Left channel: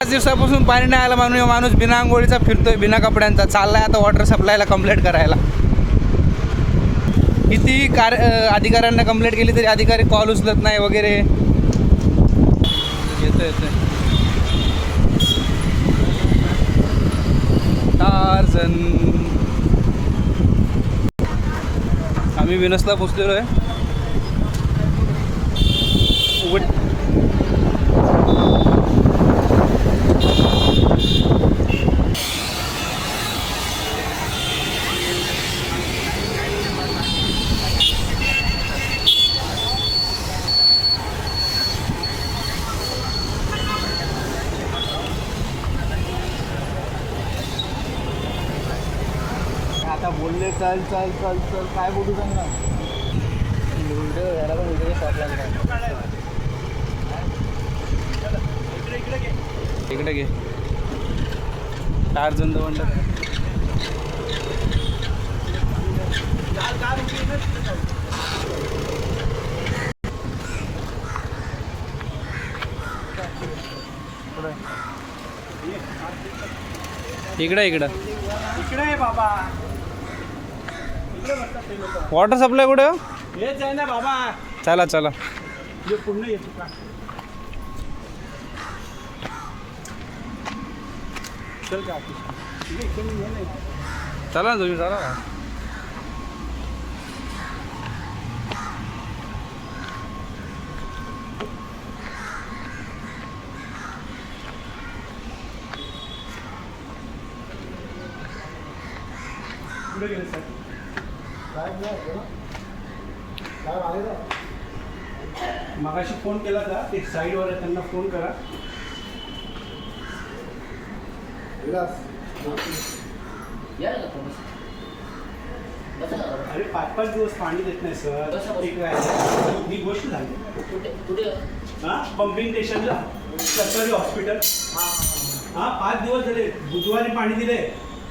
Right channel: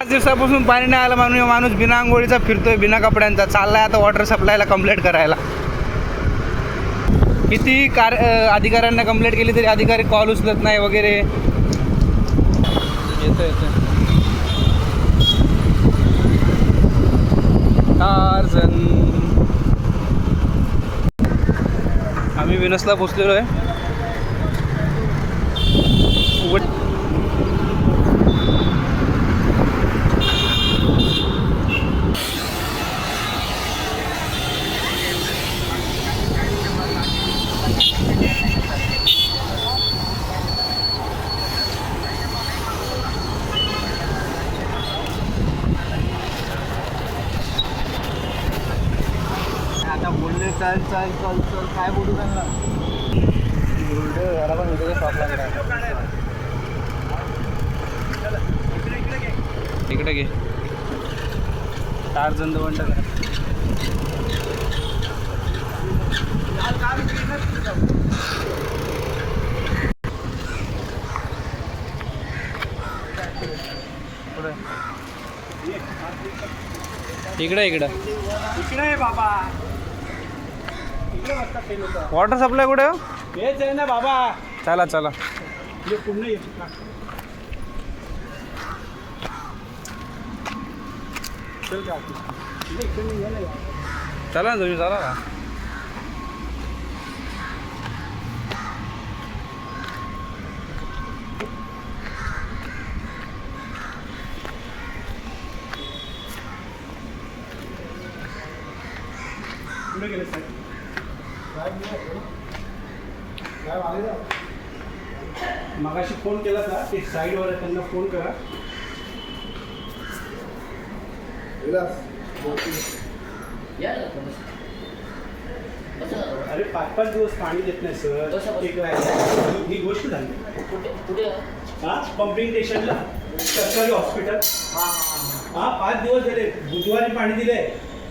5 दिवसापासून पाणी नाही आलं म्हणून माणूस बिना आंघोळीचा फिरतोय, बिना कपड्यांचा चाललाय आता वॉटर सप्लायला कंप्लेंट करायला. किती अधिकाऱ्यांना कंप्लेंट केली तरी अधिकारी कॉल उचलत नाही वगैरे. येतोय टार्झन. आम्ही विनसला पोचलेलो आहे. बोलले चाल चाल चाल चल काय बोलू त्यांना याला पण व्हिडिओ शॉप लागला. इकडे घे टार्झन द वंडर. इकडे इकडे आहे बाबा. वॉटर सप्लाय कुठे हो? हेच आहे ना बाबा. चला चला हे पुन्हा चल का चला ना तुम्ही चला ना. पुढे गेले साहेब. काय आले मगाशी फोन केला का ते साईडवर आहे त्यांना फोन करा. अरे 5-5 दिवस पाणी देत नाही सर. ही गोष्ट झाली हां पंपिंग स्टेशनला सरकारी हॉस्पिटल. हां 5 दिवस झाले. बुधवारी पाणी दिले,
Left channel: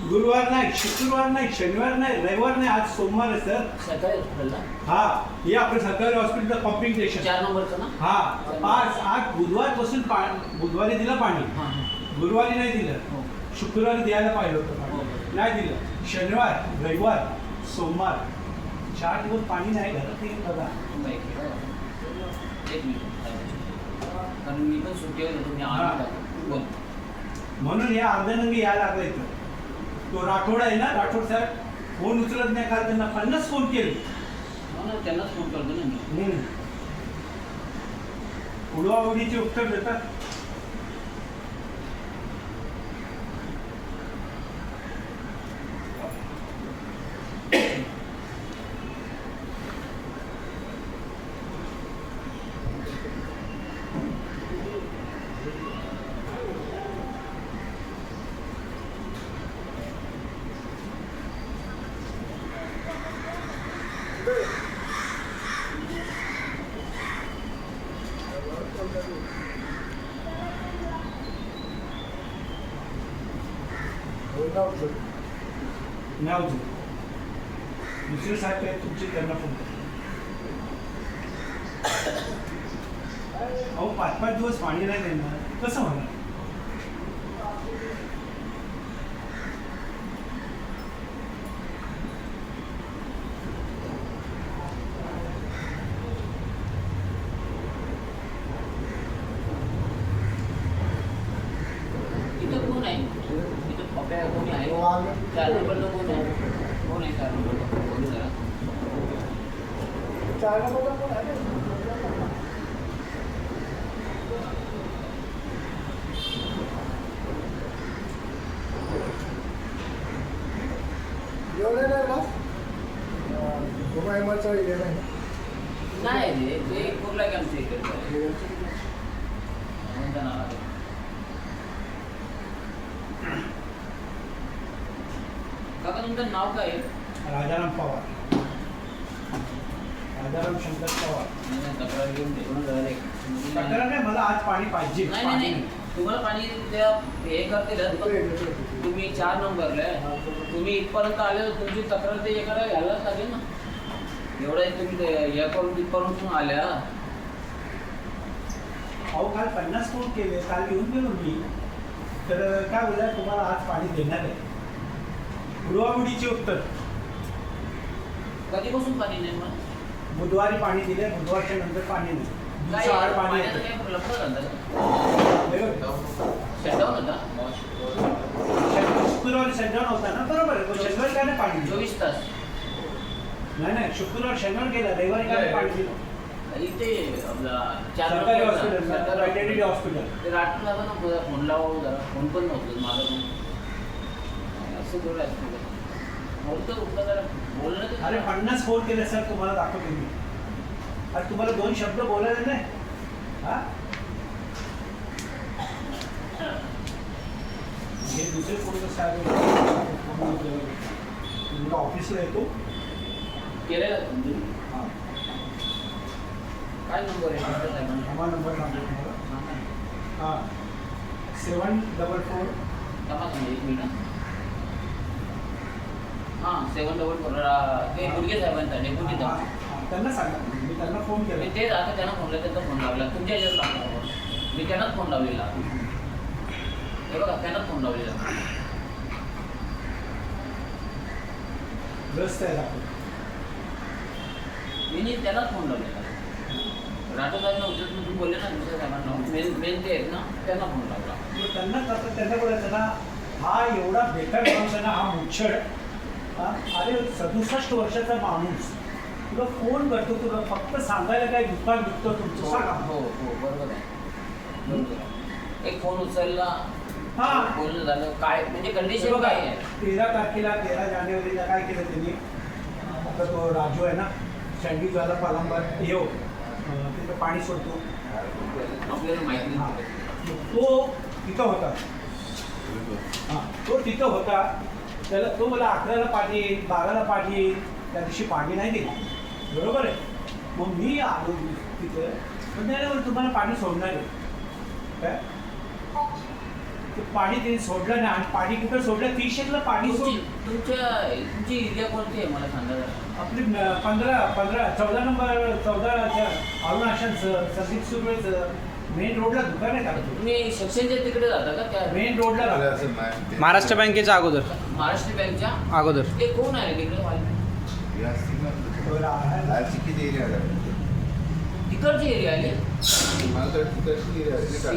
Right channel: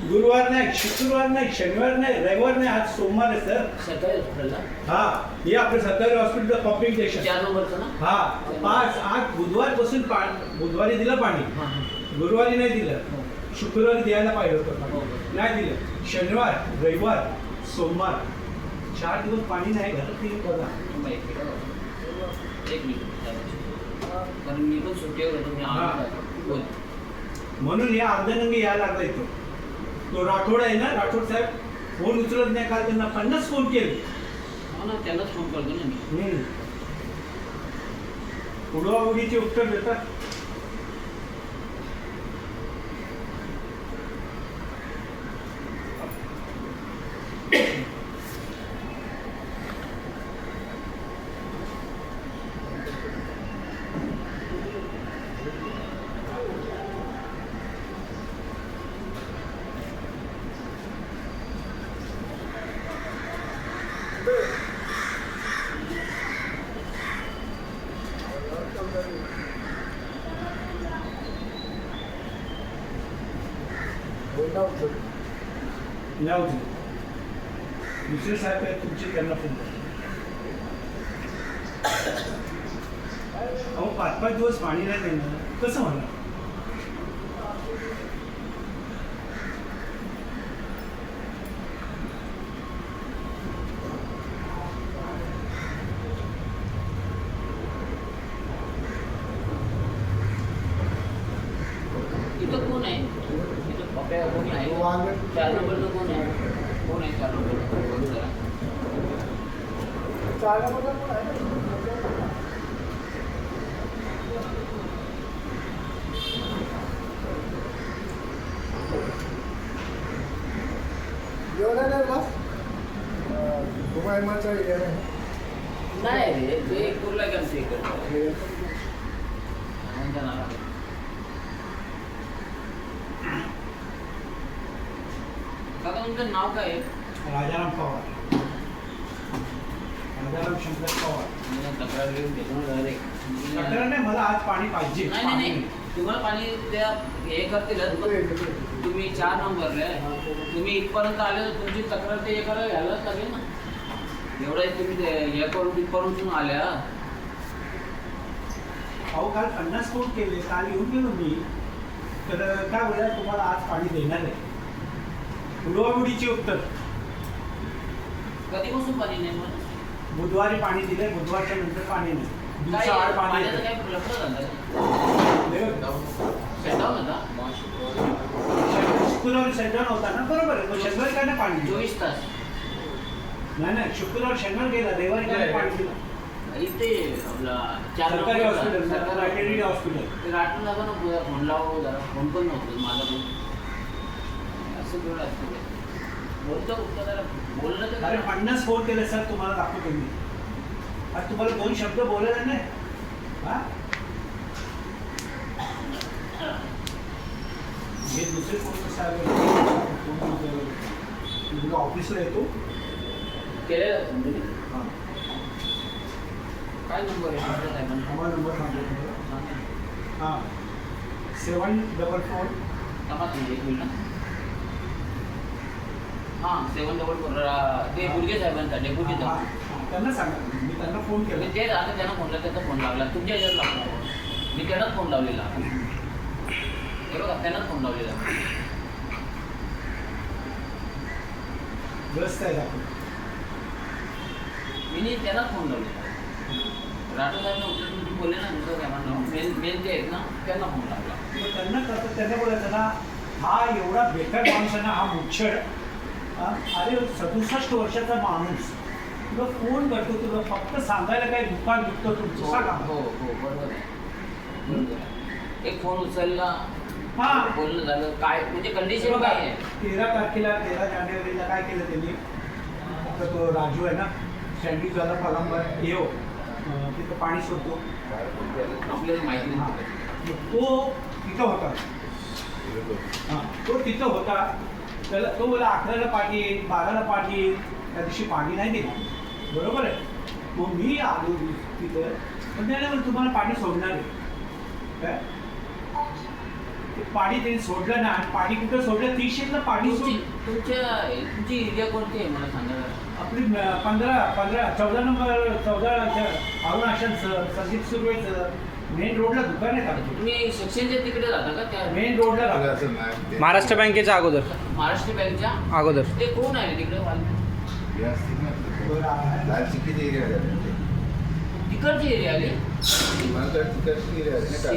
गुरुवार नाही, शुक्रवार नाही, शनिवार नाही, रविवार नाही, आज सोमवार आहे सर. सरकारी हॉस्पिटलला हा हे आपलं सरकारी हॉस्पिटल पंपिंग स्टेशन 4 नंबरचं ना. हा 5-8 बुधवारपासून बुधवारी दिलं पाणी, गुरुवारी नाही दिलं, शुक्रवारी द्यायला पाहिजे होतं, नाही दिलं. शनिवार, रविवार, सोमवार 4 दिवस पाणी नाही. घरात ते बघा. एक मिनिट कारण मी पण सुट्टीवर होतो. मी म्हणून हे अर्धनंगी यायला लागला इथं. तो राठोड आहे ना, राठोड साहेब फोन उचलत नाही. काल त्यांना 50 फोन केले. त्यांनाच फोन करतो ना मी. उडवाउडीचे उत्तर देतात. दुसरे साहेब काय तुमचे त्यांना फोन अहो 5-5 दिवस पाणी नाही त्यांना कसं होणार. इथं कोण आहे? इथं पप्या कोणी आहे? 4 नंबरचं कोण आहे? कोण आहे 4 नंबरचं? फोन करा. 4 नंबरचं कोण आहे? नाही रे ते कुर्ला आमच्या इकडे. काका तुमचं नाव काय आहे? राजाराम पवार. राजाराम शंकर पवार. तक्रार घेऊन तिकडून तक्रार नाही, मला आज पाणी पाहिजे. नाही नाही नाही तुम्हाला पाणी त्या हे करतील तुम्ही 4 नंबरला आहे. तुम्ही इथपर्यंत आले तर तुमची तक्रार ते हे करायला घ्यायलाच लागेल ना. एवढं तुम्ही हे करून इथपर्यंत आल्या. अहो काल 50 फोन केले, काल येऊन गेलो मी. तर काय बोलूया तुम्हाला आज पाणी देणार आहे. उडवाउडीची उत्तर. कधीपासून पाणी नाही मला बुधवारी पाणी दिले, बुधवारच्या नंतर पाणी नाही. दिवसाआड पाणी पाण्याचं येतं. काय लफडं झालं शुक्रवारी शटडाऊन होता शनिवार होता ना, बरोबर आहे. पण शनिवारी काय ना पाणी दिलं? 24 तास नाही शनिवार गेला, रविवारी काय पाणी दिलं? इथे आपला चार सरकारी लोकं हॉस्पिटल, सरकारी वेटरनरी हॉस्पिटल. ते राठून लागलं ना तुला फोन लावा जरा फोन पण नव्हतं माझा पण असं थोडं असतं ते. बोलतं जरा बोलणं तर अरे करा. 50 फोन केले सर, तुम्हाला दाखवतो मी. आज तुम्हाला 2 शब्द बोलायचे नाही. हा हे दुसरे फोन साहेब ऑफिसला येतो. केलेलं का तुम्ही? हां, काय नंबर आहे तुमच्या साहेबांचा? आम्हाला नंबर सांगतो तुम्हाला. हां 744. तपास म्हणजे एक मिनिट. हां 744 ते गुडगे साहेबांचा डेप्युटीचा. त्यांना सांगा, मी त्यांना फोन मी केला. तेच आता त्यांना फोन त्यांचा फोन लागला तुमच्या याच्यावर लागला. मी त्यांनाच फोन लावलेला. हे बघा त्यांनाच फोन लावलेला. ग्रस्त आहे आपण. मी त्यांनाच फोन लावलेला. राठोड साहेबांना उद्या तुम्ही बोलले ना गुडगे साहेबांना मेन ते आहेत ना त्यांना फोन लागला. मग त्यांना करता त्यांना बोलायचं ना, हा एवढा बेकार माणूस आहे ना, हा मुच्छड. अरे 67 वर्षाचा माणूस तुला फोन करतो, तुला फक्त सांगायला काय दुकान विकतो तुमचं सांगा. हो हो बरोबर आहे बरोबर आहे. एक फोन उचलला हां. बोलणं झालं काय म्हणजे कंडिशन बघा, काय आहे 13 तारखेला 13 जानेवारीला काय केलं त्यांनी, आता तो राजू आहे ना सँडी झाला पलांबर येऊ तिथं पाणी सोडतो. आपल्याला माहिती हां, नाही. तो तिथं होता. हां, तो तिथं होता. त्याला तो मला 11ला पाणी येईल, 12ला पाणी येईल. त्या दिवशी पाणी नाही दिलं, बरोबर आहे. मग मी आलो तिथं, पण त्याला तुम्हाला पाणी सोडणार आहे काय? ते पाणी तिने सोडलं नाही. आणि पाणी कुठं सोडलं? 30 पाणी सोडलं. तुमची एरिया कोणती आहे मला सांगा जरा. आपली 14 नंबर अरुणाशन संदीप सुरवेचं मेन रोडला दुकान आहे का? तुम्ही सेक्शनच्या तिकडे जाता का त्या मेन रोडला राहतो. महाराष्ट्र बँकेच्या अगोदर महाराष्ट्र बँकच्या अगोदर ते कोण आहे तिकडे तिकडची एरिया आली.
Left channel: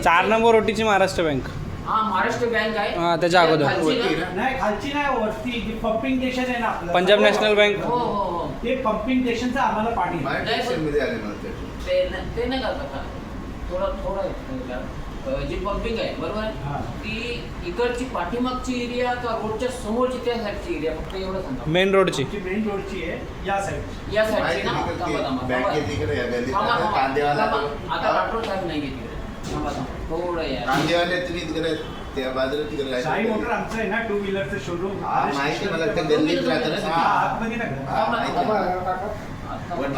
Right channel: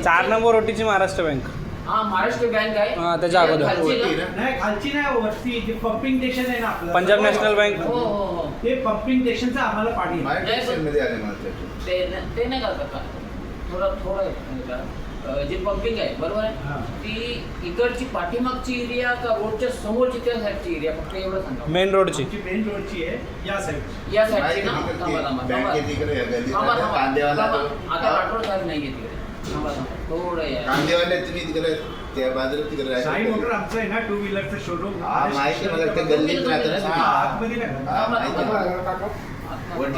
4 नंबर ओटीची महाराष्ट्र बँक. हा महाराष्ट्र बँक आहे हा, त्याच्या अगोदर. खालची ना? नाही खालची नाही, वरती जे पंपिंग स्टेशन आहे ना आपलं, पंजाब नॅशनल बँक. हो हो हो ते पंपिंग स्टेशनचं आम्हाला पाणी आहे. ते नाही का थोडं जी पंपिंग आहे बरोबर हा. आहे ती इकडची पाठीमागची एरिया का रोडच्या समोरची त्या साईडची एरिया फक्त एवढं सांगा. मेन रोडची. आमची मेन रोडची आहे या साईड. या साईडची ना आता राठोड साहेब नाही आहे तिकडे. थांबा थोडं या कांदेवाले तुम्ही तिकडे त्या बाजूला तिकडे साई मोटर आमचं आहे ना 2 व्हीलरचं शोरूम. माहिती आहे मला, त्या गल्लीत राहतं ना. आतमध्ये नाही. थांबा, थांबा. आता- वरती